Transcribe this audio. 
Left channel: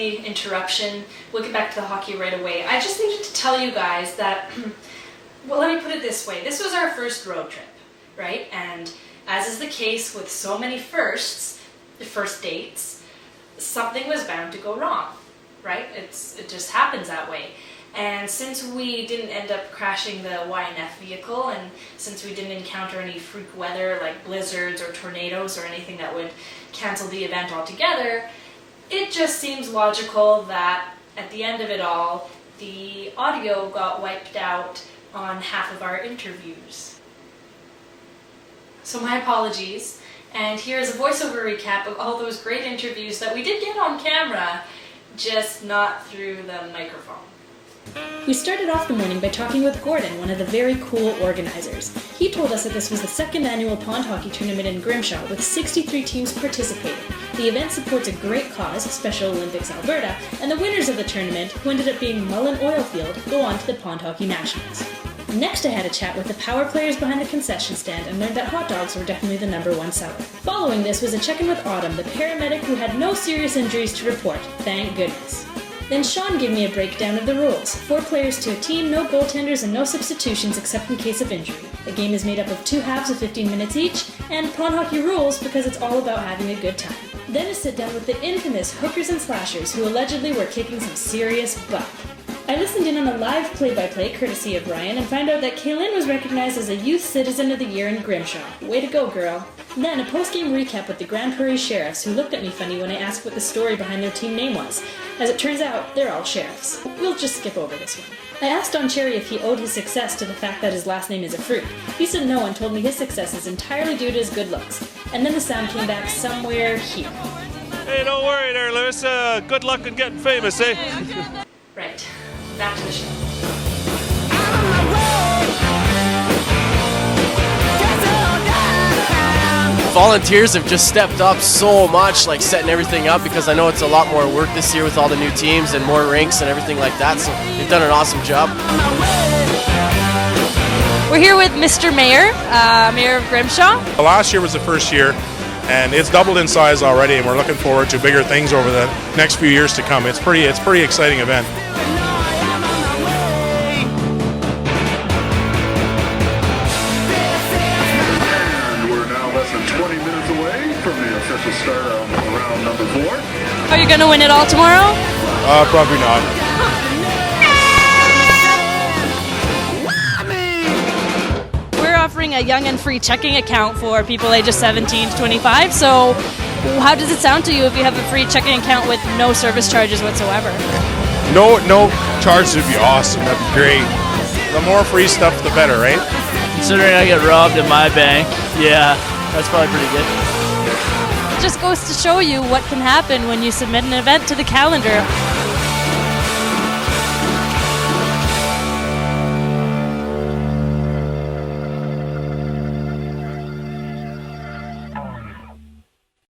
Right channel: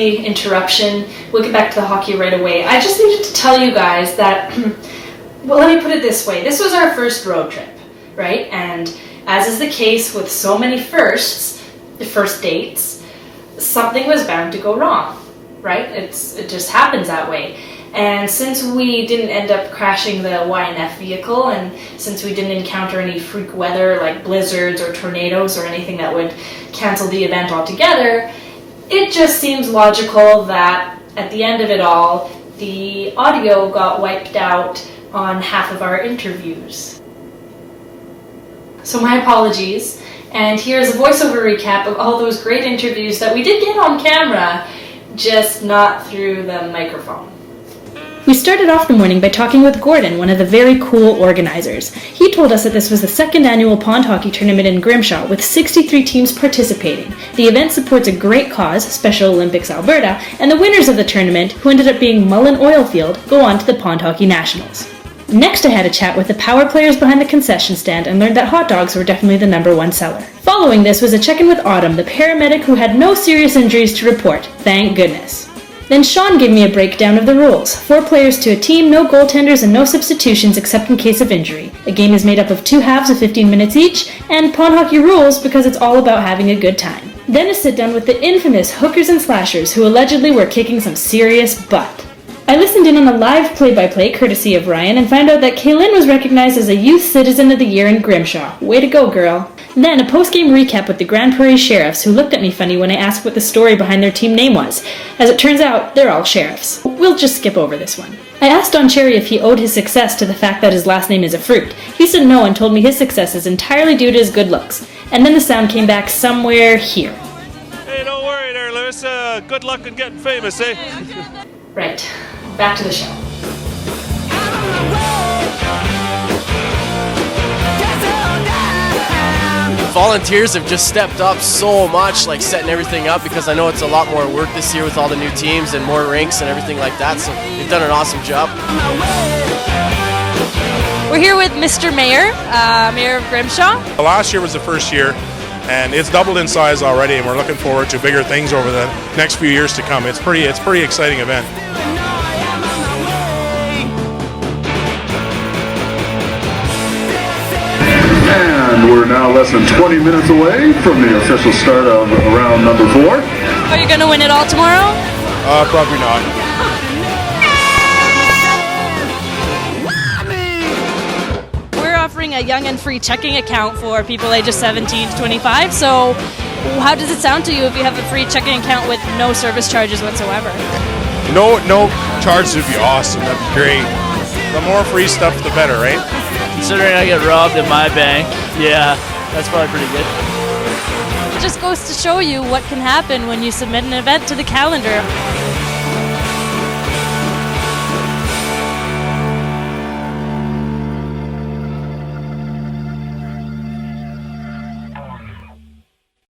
the interruption. We'll get back to the hockey right away. I just needed to tell you guys that, well, let me put it this way. This was our first road trip, right? And as is the case with so many firsts, the first dates, something was bound to go wrong, right? It just happens that way. And since we didn't end up crashing the YNF vehicle, and since we didn't encounter any freak weather like blizzards or tornadoes or anything that would cancel the event altogether, it just seems logical that at the end of it all, the audio got wiped out on half of our interviews. So my apologies, and here's a voiceover recap of all those great interviews that we did get on camera, just not through the microphone. We started off the morning by talking with Gordon, one of the very cool organizers. He told us that this was the second annual pond hockey tournament in Grimshaw, with 63 teams participating. The event supports a great cause, Special Olympics Alberta, and the winners of the tournament, who ended up being Mullen Oilfield, go on to the Pond Hockey Nationals. Next, I had a chat with the power players behind the concession stand and learned that hot dogs were definitely the #1 seller. Following this was a check-in with Autumn, the paramedic who had no serious injuries to report, thank goodness. Then Sean gave me a breakdown of the rules. 4 players to a team, no goaltenders, and no substitutions except in case of injury. The game is made up of 2 halves of 15 minutes each, and pond hockey rules because it's all about having a good time. Then a sit-down with the infamous hookers and slashers who allegedly were kicking some serious butt. I listened in on a live play-by-play courtesy of Ryan and found out that Kaylin was recognized as a Youth Citizen of the Year in Grimshaw. Way to go, girl. Then a post-game recap with the Grand Prairie Sheriffs, who looked at me funny when I asked what the story behind their team name was. As it turns out, they're all sheriffs. We'll just skip over this one. I asked Don Cherry if he owed his success to the fact that his last name is a fruit. He said no and told me his success is entirely due to his good looks. And then the sound came back somewhere here. Hey, don't worry there, Lewis. Good luck in getting famous, eh? Right, back to the show. Volunteers have just stepped up so much, like setting everything up, because I know it's a lot more work this year with all the new teams and more rinks and everything like that, so they've done an awesome job. We're here with Mr. Mayor, Mayor of Grimshaw. Last year was the first year, and it's doubled in size already, and we're looking forward to bigger things over the next few years to come. It's pretty exciting event. Less than 20 minutes away from the official start of round number 4. Are you going to win it all tomorrow? Probably not. We're offering a young and free checking account for people ages 17 to 25. So how does it sound to you if you have a free checking account with no service charges whatsoever? No charges would be awesome. That'd be great. The more free stuff, the better, right? Considering I get robbed at my bank, yeah. That's probably pretty good. It just goes to show you what can happen when you submit an event to the calendar.